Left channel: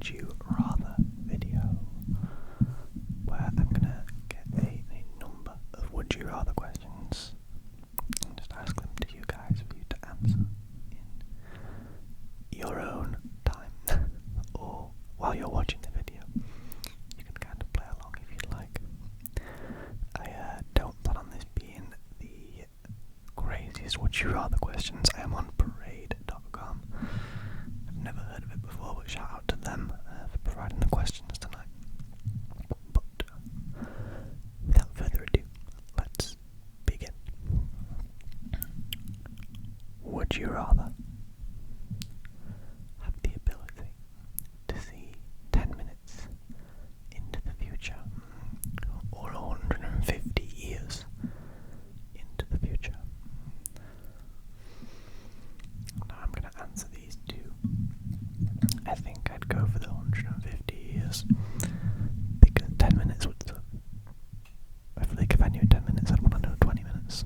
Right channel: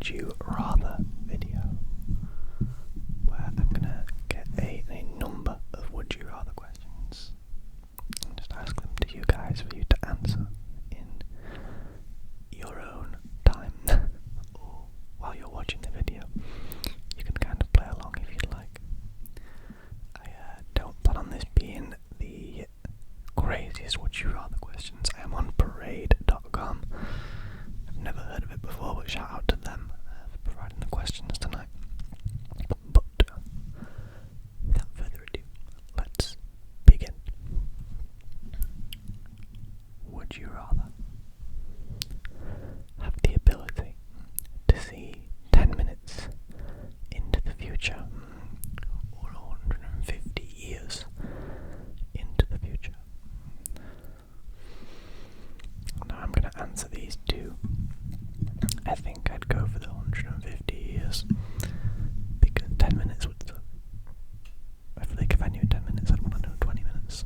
Would You Rather video, where I'm gonna get a number of Would You Rather questions and just ask them to you guys for you to answer in your own time or while you're watching the video. You can kind of play along if you'd like. I don't plan on this being the craziest Would You Rather questions. I am on parade.com. I've never heard of it before, but shout out to them for providing the questions tonight. But without further ado, let's begin. Would you rather have the ability to see 10 minutes into the future or 150 years into the future? Now I'm going to answer these two. I think I'd go for the 150 years because 10 minutes would suck. I feel like if I knew 10 minutes, I'd want to know 20 minutes,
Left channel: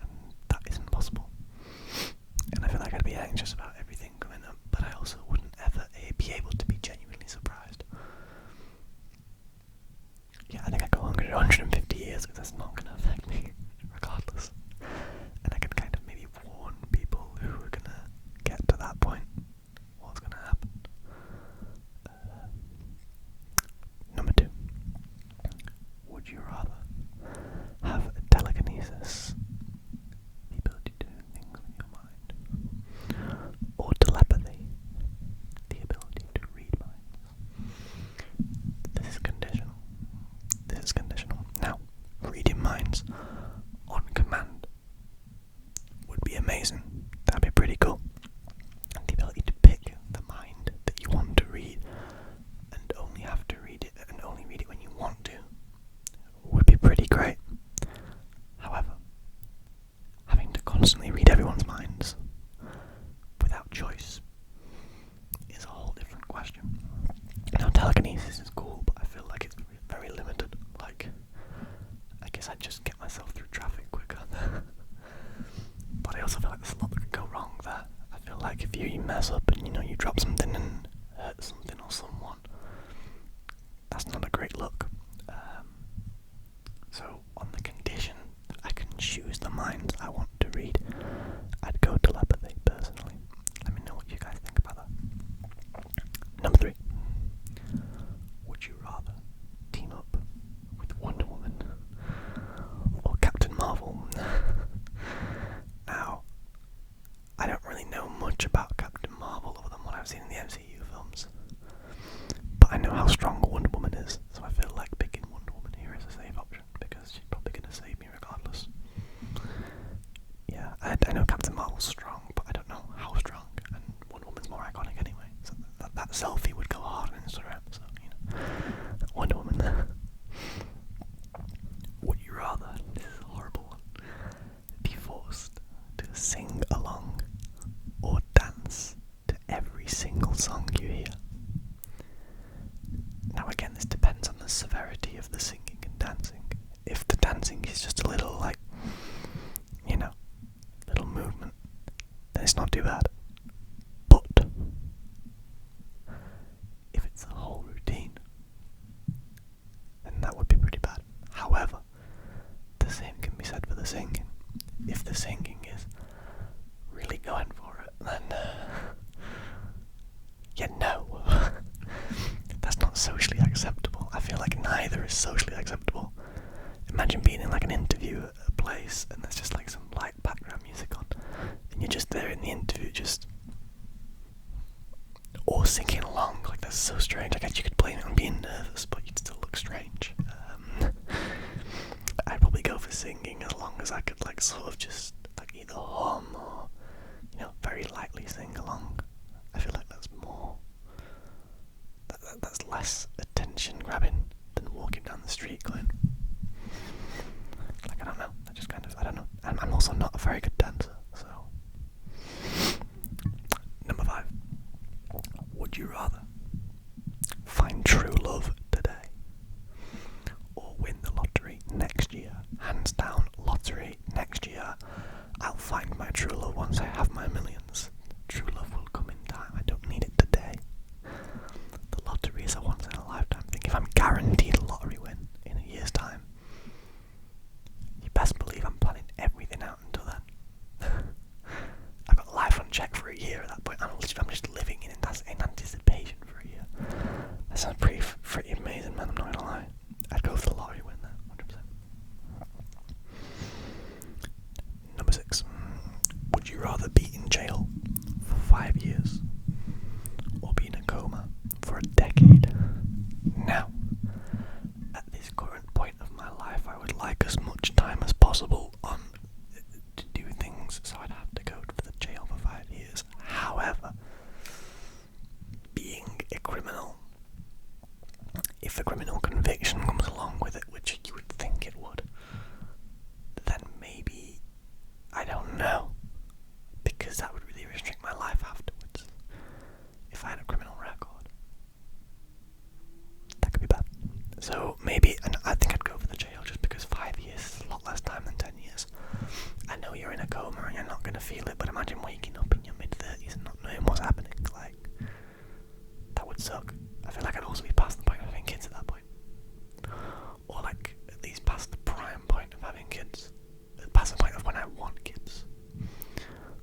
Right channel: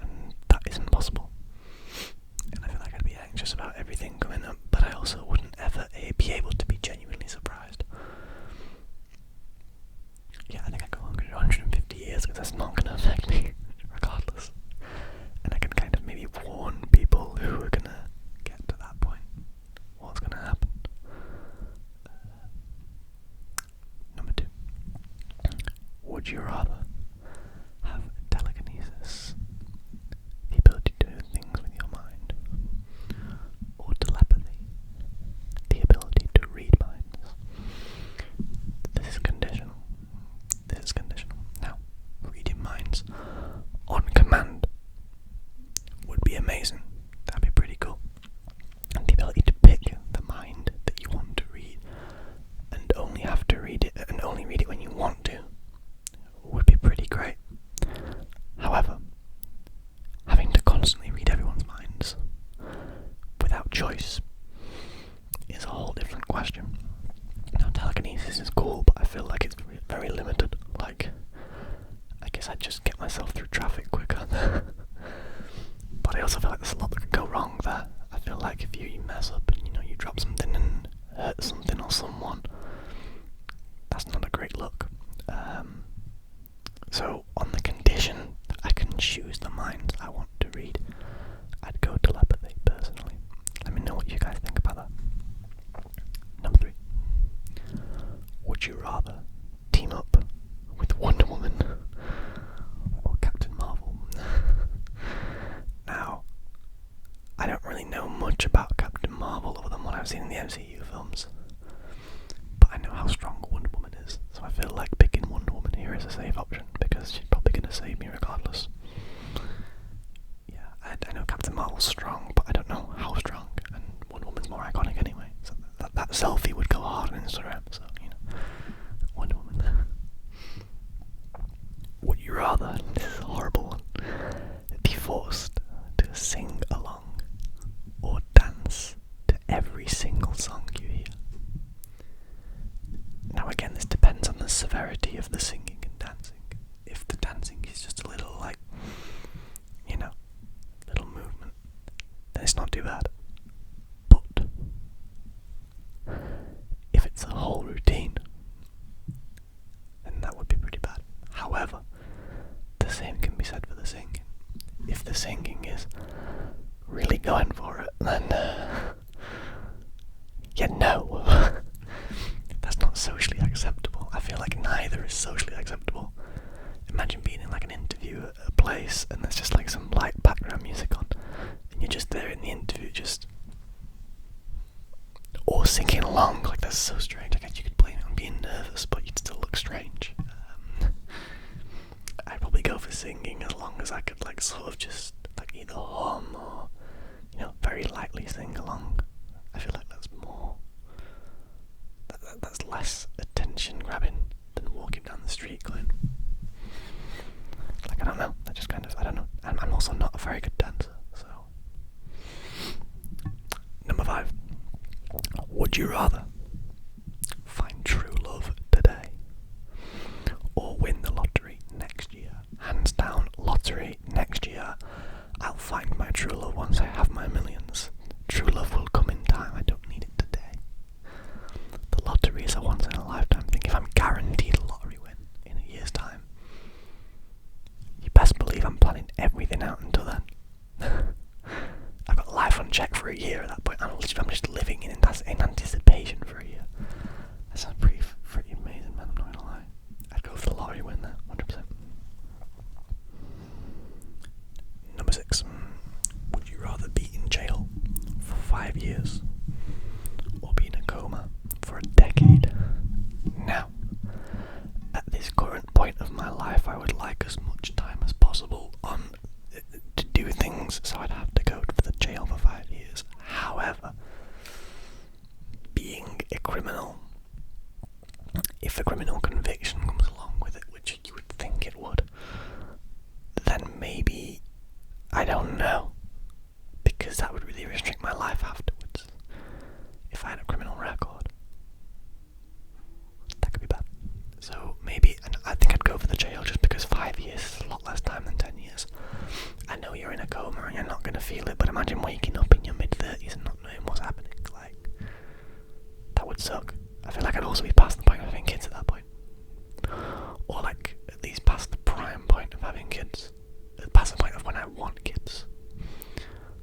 and that isn't possible. And I feel like I'd be anxious about everything coming up, but I also wouldn't ever be able to be genuinely surprised. Yeah, I think I'd go 150 years because that's not going to affect me regardless. And I can kind of maybe warn people who are going to get to that point what's going to happen. Number 2. Would you rather have telekinesis, the ability to do things with your mind, or telepathy, the ability to read minds? This is conditional. Now, reading minds on command would be amazing. That'd be pretty cool. And the ability to pick the mind that you want to read and only have to read it and only read it when you want to would be pretty great. However, having to constantly read everyone's minds without choice is a whole different question. Now, telekinesis is cool, but I feel like it's very limited. Like, I guess I'd just get myself through traffic quicker. But I also feel like there's a lot that could go wrong there. I feel like if you mess up and you drop something and hurt something or someone, that's not a great look. So on the condition that I can choose the minds I want to read, I'd go telepathy personally. Let me know what you guys think about that. Number 3. Would you rather team up with Wonder Woman or Captain Marvel? Now, I don't really know much about Captain Marvel other than what I've seen in the MCU films, but I know how strong Wonder Woman is, so I feel like picking Wonder Woman here is a safe option because she's probably going to save me regardless. Yeah, I know Captain Marvel's strong, but I don't know how strong, and Wonder Woman's more iconic anyway, so that selfie would go hard on Instagram, so, Wonder Woman. Would you rather, this is a horrible one, be forced to sing along or dance to every single song you hear? Now again, this depends on the severity of the singing and dancing. If the dancing is just a little little movement, then it's not too bad. But if it's a whole routine, then that would be pretty bad. However, the same can be said for the singing. If the singing is really going for it, then no. That's not socially acceptable. I feel like neither is socially acceptable. Imagine being in like an interview at a place and there's just like some light background music on and you're just there in the interview or singing along. Like, that's so strange. I guess you could blame it on being nervous, but you'd still look strange. I'd probably go for singing as long as I could sort of just either hum or very lightly sing along. I feel like that's more that's less attention grabbing than walking down the street going I don't know, that just I don't know. And I'm also not a very good dancer, so. Number 5. Would you rather find true love today or win the lottery next year? Hands down, lottery next year. I'll find my true love once I have my millions. background check for a year at that point. I'm just living in anticipation for a year. That sounds pretty amazing, man. I'm not gonna lie. I'd go for the lottery win there, 100%. Number 6. Would you rather be in jail for 5 years or be in a coma for a decade? Now, at this current point of my life, I would like as much time as possible to do things, so I'd have to go to the jail for 5 years. However, being a criminal, if a criminal conviction comes along with it, which you would think it would, then maybe, I don't know, because that would really restrict my life afterwards. If I had a criminal record, that could be bad. So maybe, and I think I'd go for the jail just because 5 years is a lot less time than 10 years. I know you're in a coma and you're not going to feel it, but imagine waking up in your mid-30s and not knowing what's happening. Like, that would suck. I feel like I'd also be past the point of having kids at that point. Or like, at least past the prime point of having kids. Past the point of when I want kids.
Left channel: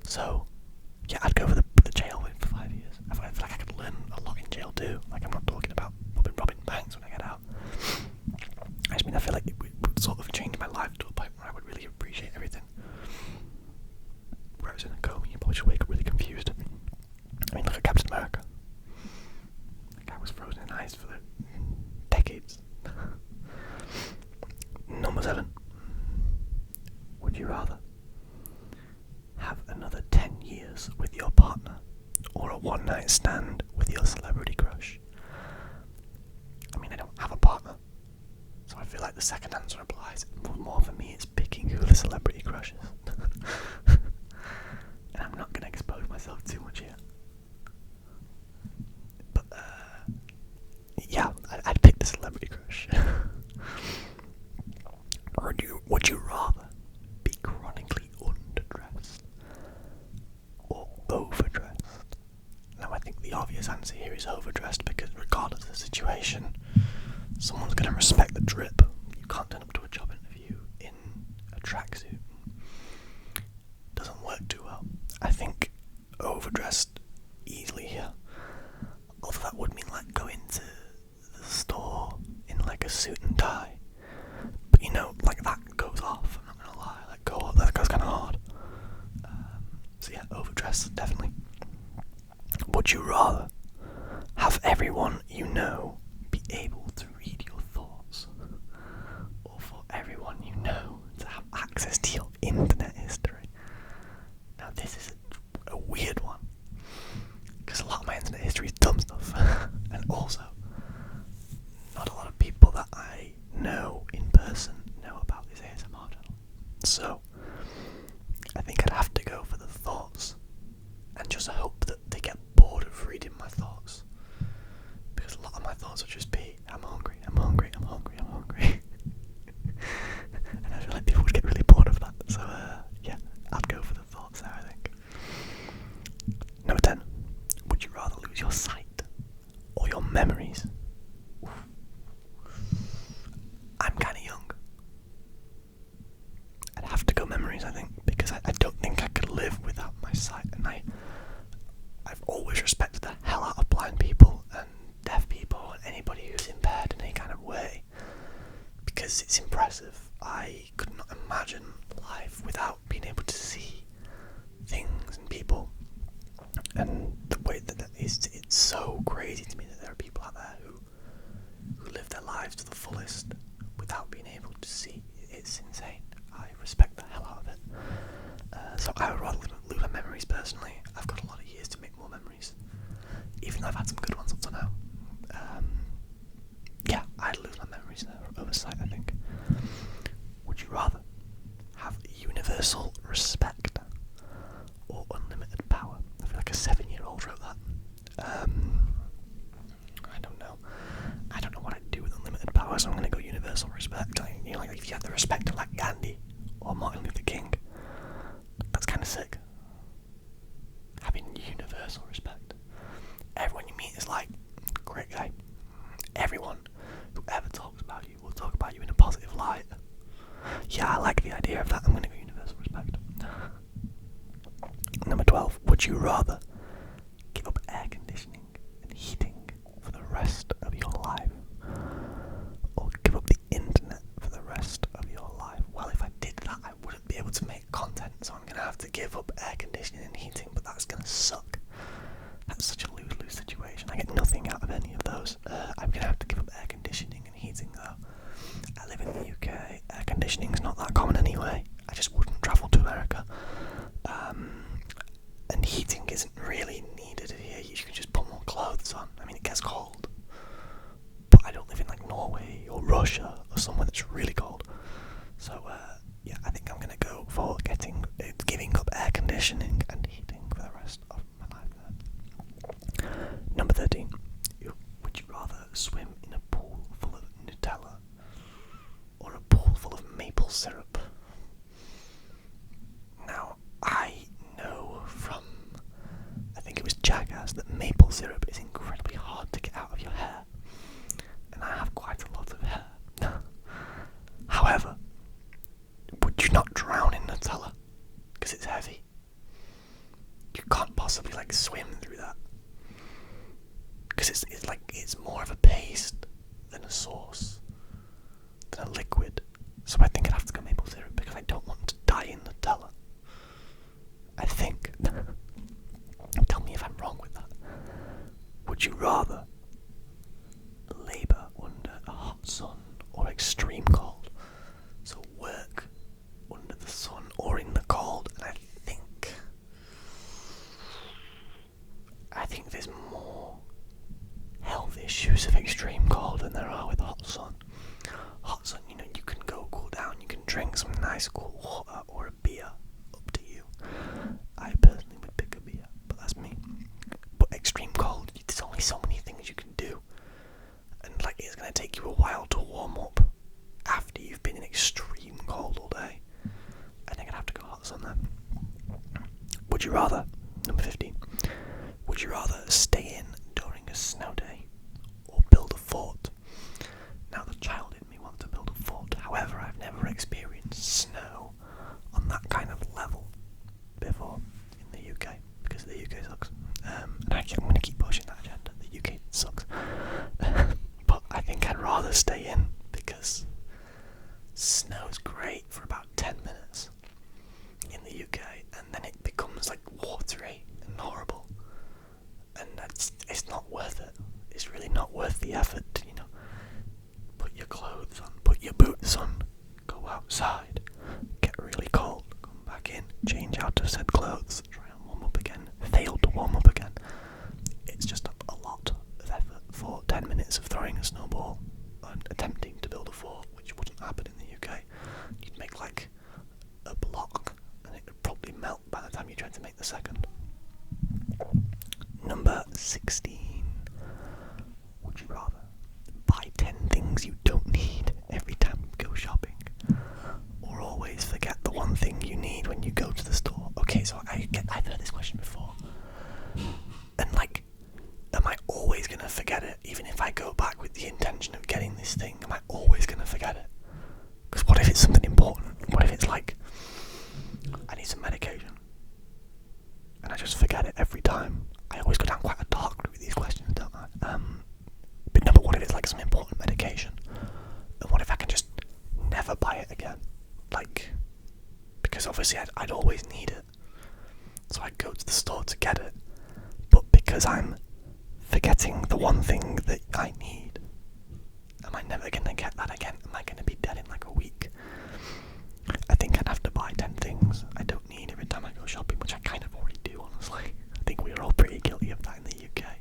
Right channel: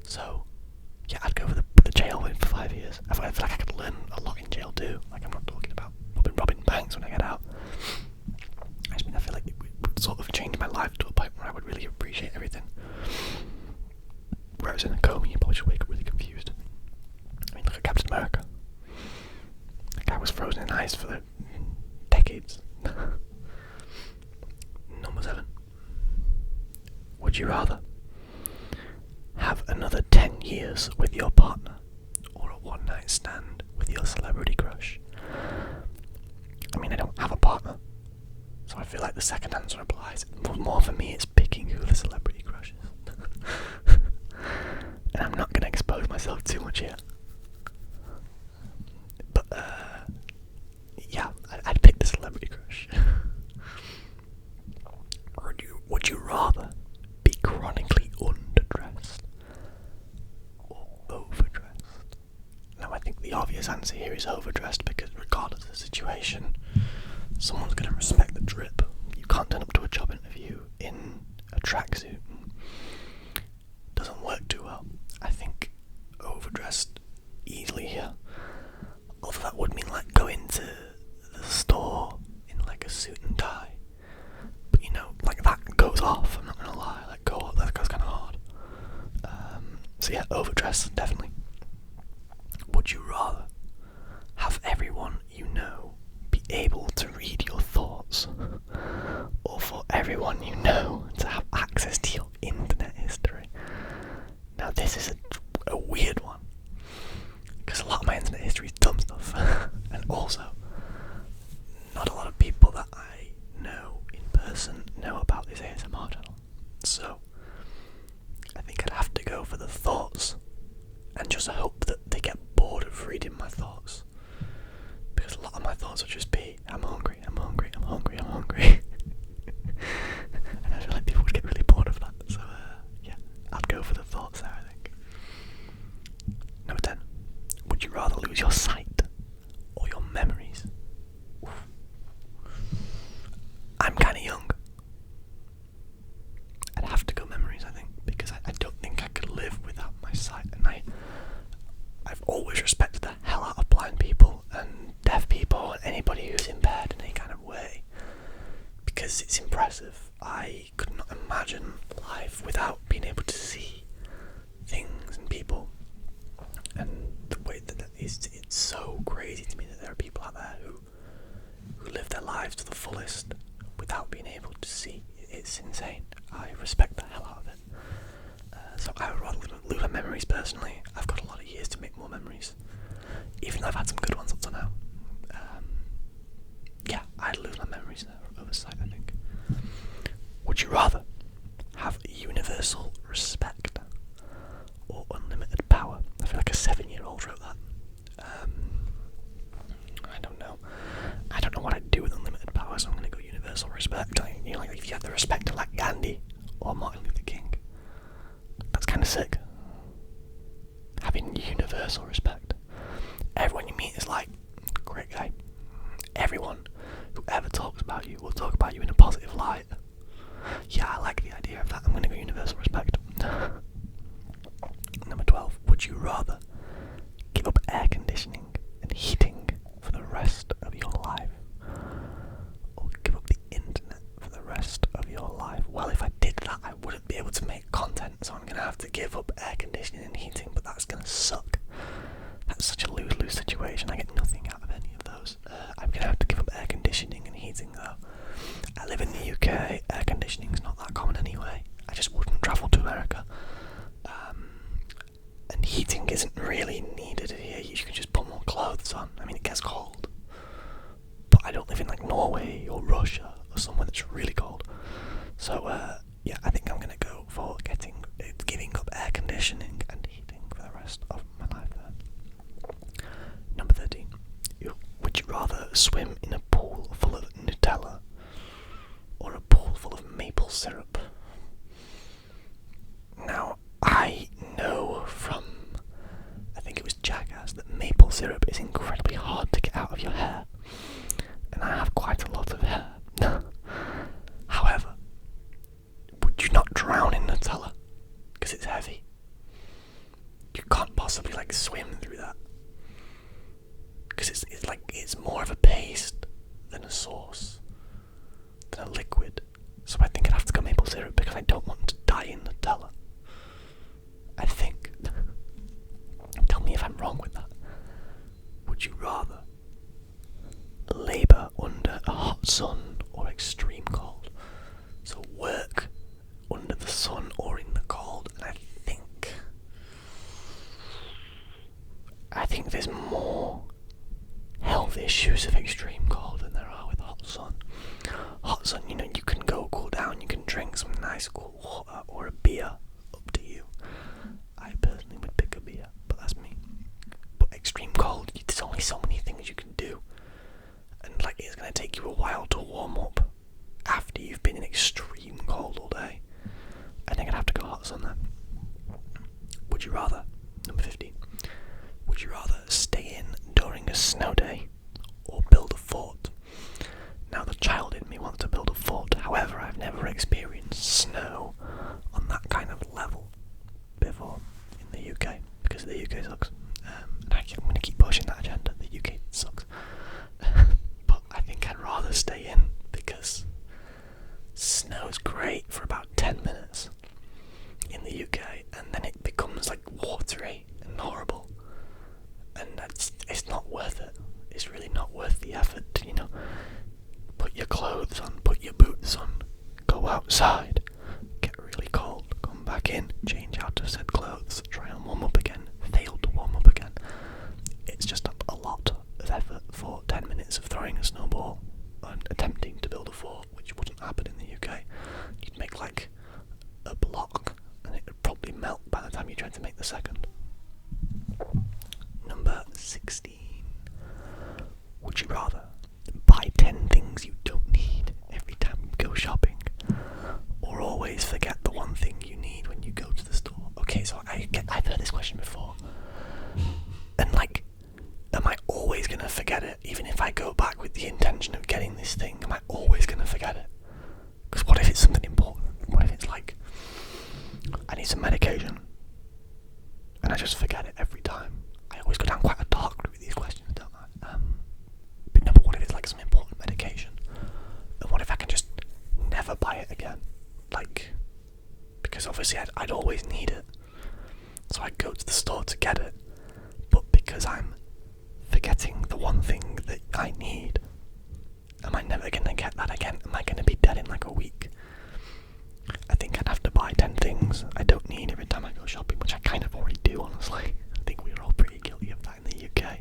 So, yeah, I'd go for the jail for 5 years. I feel like I could learn a lot in jail too. Like, I'm not talking about robbing banks when I get out. I just mean, I feel like it would sort of change my life to a point where I would really appreciate everything. Whereas in a coma, you probably just wake up really confused. I mean, look at Captain America. That guy was frozen in ice for decades. Number 7. Would you rather have another 10 years with your partner or a one-night stand with your celebrity crush? I mean, I don't have a partner, so I feel like the second answer applies. More for me, it's picking who the celebrity crush is. And I'm not going to expose myself too much here. But, yeah, I'd pick the celebrity crush. Or would you rather be chronically underdressed or overdressed? Now, I think the obvious answer here is overdressed, because regardless of the situation, someone's going to respect the drip. You can't turn up to a job interview in a tracksuit. Doesn't work too well. I think overdressed easily here. Although that would mean like going to the store in like a suit and tie. But you know, like that goes off, I'm not gonna lie. That goes kinda hard. So yeah, overdressed, definitely. Would you rather have everyone you know be able to read your thoughts, or for everyone you know to have access to your internet history? Now this is a weird one, because a lot of my internet history is dumb stuff. And also, not a lot of people that I know in person know about this ASMR channel. So, I think I'd have to go for the thoughts, and just hope that they get bored of reading my thoughts. Because a lot of my thoughts would just be, I'm hungry, I'm hungry, I'm hungry, I'm hungry. And I feel like people would get really bored of that. So, yeah, I'd go for the thoughts there, I think. Number 10. Would you rather lose your sight or your memories? Oof. I'm kind of young. I'd have to go memories, I think, because I don't think I could live without my sight. And I've always respected the hell out of blind people and deaf people and anybody who's impaired in any kind of way, because it's impressive. I could not imagine life without being able to see things and people. And the way that is, it's so crazy to me that there are people out there who live their lives to the fullest without being able to see. It's insane. I respect the hell out of it. So I would rather lose my memories personally. I've got a lot of years to make more memories, even though I've had some good ones up to now. Yeah, I'd lose my memories over sight, I think. Would you rather have universal respect or unlimited power? I feel like a 7-year-old wrote that. I don't know. I don't know what I'd do with unlimited power, so I'm going to go universal respect. You know, like if you had the respect of like Gandhi or Martin Luther King, that's kind of sick. Having universal respect. Everyone you meet is like, great guy. Everyone who ever talks about you will talk about you in a positive light. Yeah, I like the idea of that. I'm going to go universal respect. Number 12. Would you rather give up air conditioning and heating for the rest of your life, or give up the internet for the rest of your life? Well, if I did that, I wouldn't be able to make content, so I'm going to have to give up air conditioning and heating, but that's going to suck. That's such a lose-lose situation. I get nothing out of any of those. I'm going to have to give up air conditioning and heating, though. I live in the UK. Air conditioning's not that common anyway. I just wouldn't travel to America. And heating isn't really needed here. You can just put more clothes on. I mean, it gets cold. But I don't live in like Norway or Russia or somewhere that's really cold. So, yeah, I think I'm going to go for giving up air conditioning and heating for the rest of my life then. Number 13. Would you rather swim in a pool full of Nutella or a pool full of maple syrup? Now, I know from, I think it was Jackass, that maple syrup is incredibly hard to get out of your hair. And I have quite a lot of hair. However, would you not drown in Nutella? Because it's heavy. You can't possibly swim through that. Because it's more of a paste than a sauce, than a liquid. So I think I'd have to go maple syrup because I don't want to die in Nutella. I think. Tell me if I'm wrong with that. Would you rather labour under a hot sun or extreme cold? So work under the sun or in the cold, and I think there's more health issues of extreme cold than there are with hot sun. Hot sun, you can go cool down, you can drink some nice cool water or a beer, up to you. I personally would pick a beer, but that's me. But extreme cold, there's only so many things you can do. And it's going to take you a while to warm up after you've been in extreme cold all day. I think I'd have to go hot sun then. Would you rather, number 15, would you rather stay in during a snow day or build a fort? Now, the child in me wants to build a fort. However, I've never experienced snow on that kind of level before in the UK, because the UK sucks. And I'm going to keep pushing that agenda. The UK sucks. But I think I'd rather stay in, because snow's great for about 10 minutes in the UK, and then it becomes watery and horrible. And it's not worth it. It's really not worth the effort to, put your clothes on, put your boots on, go outside, get really cold, come back in, change out of said clothes, try and warm up again, fail to warm up again. It's just a lot of effort for 10 minutes of throwing a snowball and attempting to build a fort, which wouldn't happen in the UK. You'd make a block, and it would probably melt by the time you tried to make the second. Number 16. Would you rather buy 10 things you don't need every time you go shopping, or always forget the one thing you need when you go to the store? Okay, so I've heard this question before, and am I always going to forget it, even if I go back with the intention of getting this thing? Am I always going to forget it? Because what if it's something important? What if it's I need some medication, and I just forget it every time? I always go down quite a dark route with these questions, don't I? But what if it's some important medication? And what if I can just never buy it again? Because obviously I'd always need it. So I'd go to the store to get it. But because I'm forgetting the one thing that I need, am I never going to get that again? Am I going to be dead in a week? I think I'd have to buy 10 things I don't need every time I go shopping, which I kind of already do, honestly. I think we're all pretty guilty of that in the UK,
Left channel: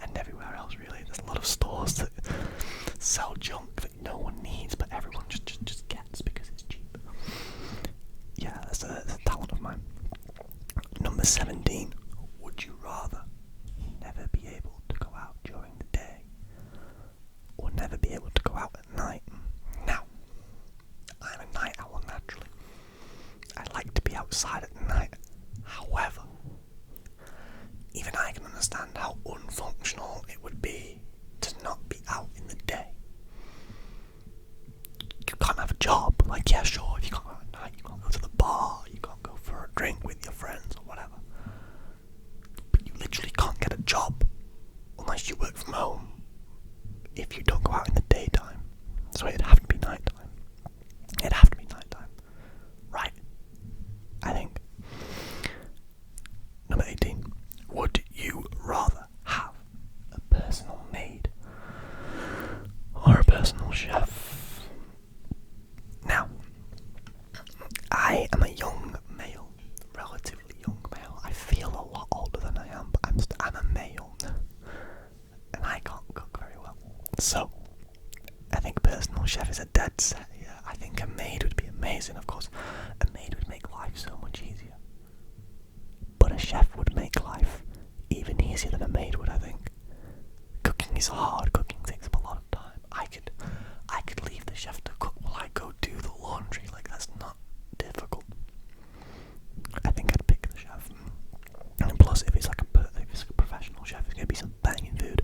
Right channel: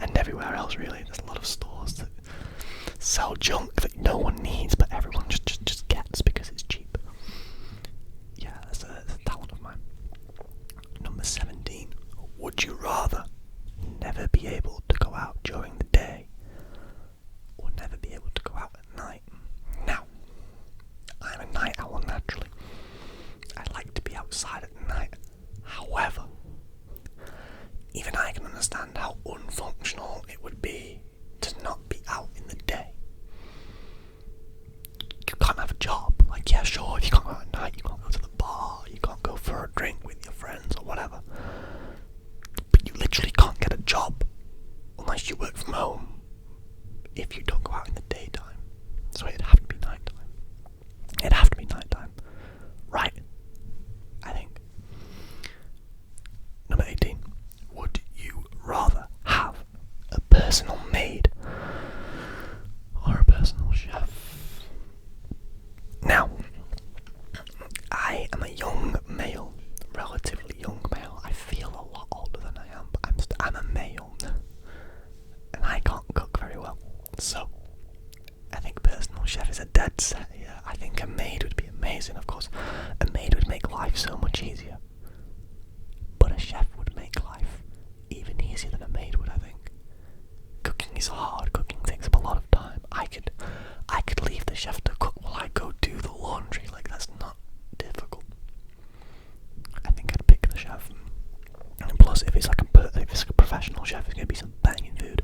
and everywhere else really. There's a lot of stores that sell junk that no one needs, but everyone just gets because it's cheap. Yeah, that's a talent of mine. Number 17. Would you rather never be able to go out during the day, or never be able to go out at night? Now, I'm a night owl naturally. I like to be outside at night. However, even I can understand how unfunctional it would be to not be out in the day. You can't have a job. Yeah, sure, if you can't go out at night, you can't go to the bar, you can't go for a drink with your friends or whatever. literally can't get a job unless you work from home if you don't go out in the daytime. So it'd have to be nighttime. It'd have to be nighttime. Right? I think. Number 18. Would you rather have a personal maid or a personal chef? Now, I am a young male, relatively young male. I feel a lot older than I am, but I'm a male, and I can't cook very well. So, I think personal chef is a dead set here. I think a maid would be amazing, of course. A maid would make life so much easier. But a chef would make life even easier than a maid would, I think. Cooking is hard. Cooking takes up a lot of time. I could leave the chef to cook while I go do the laundry. Like, that's not difficult. I think I'd pick the chef. And plus, if it's like a professional chef, it's gonna be some banging food.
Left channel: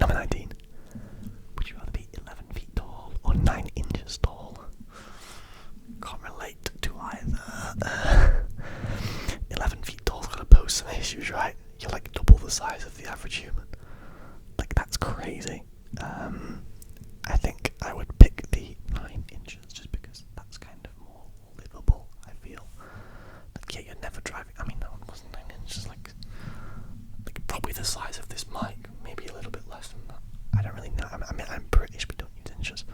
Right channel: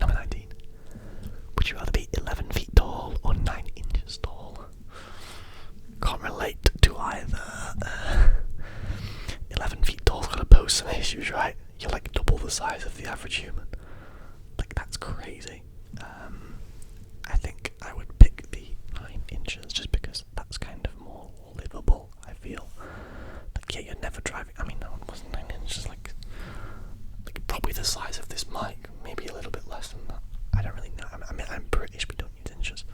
Number 19. Would you rather be 11 feet tall or 9 inches tall? Can't relate to either. 11 feet tall's gonna pose some issues, right? You're like double the size of the average human. Like, that's crazy. I think I would pick the 9 inches just because that's kind of more livable, I feel. Like, yeah, you're never driving. I mean, no, it wasn't 9 inches, like probably the size of this mic, maybe a little bit less than that. I don't really know. I mean, I'm British, we don't use inches.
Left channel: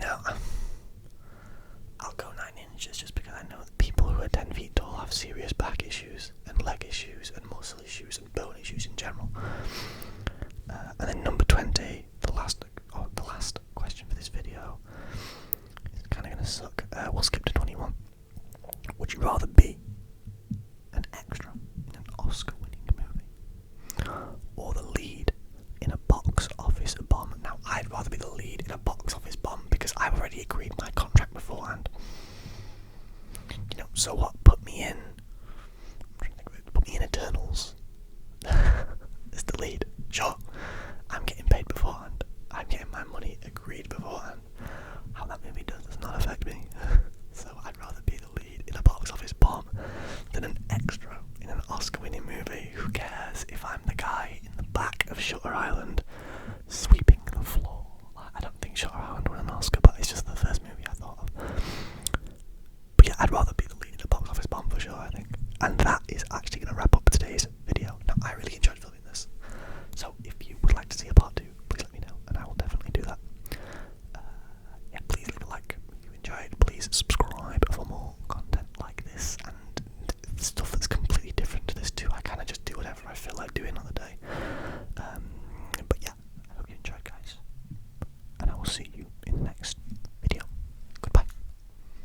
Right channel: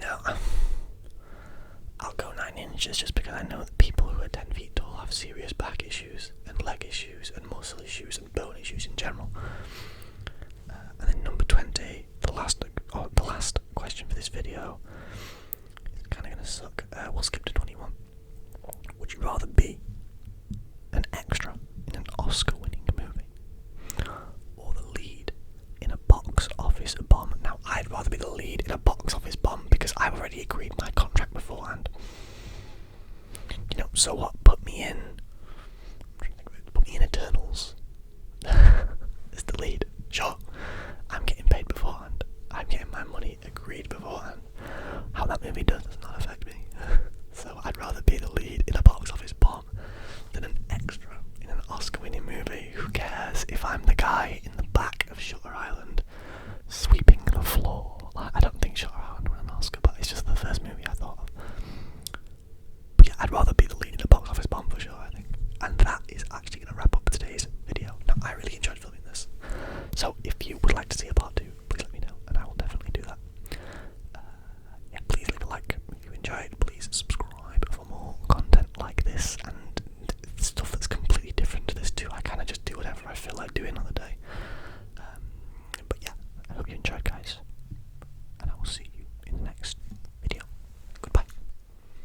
No, I'll go 9 inches just because I know that people who are 10 feet tall have serious back issues and leg issues and muscle issues and bone issues in general. And then number 20, the last question for this video, is kind of gonna suck. We'll skip to 21. Would you rather be an extra in an Oscar-winning movie or the lead in a box office bomb? Now, I'd rather be the lead in a box office bomb because I've already agreed my contract beforehand. You know, so what? Put me in Eternals as the lead. Sure, I'm getting paid beforehand. I'm getting my money agreed beforehand. How that movie does not affect me. So I'd rather be the lead in a box office bomb than an extra in an Oscar-winning movie. Who cares if I'm the guy in the back of Shutter Island sweeping the floor? Like, I don't think Shutter Island won an Oscar, but it's just the first movie I thought of. But yeah, I'd rather be the lead in a box office bomb for sure, I think. And that is actually going to wrap up today's video. Now, I really enjoyed filming this. So if you would like to see a part 2, please let me know, and I will definitely do that. Yeah, please leave a like if you enjoyed. Please subscribe for more content like this and stuff that's completely different to this too. I kind of just do whatever I feel like doing on the day.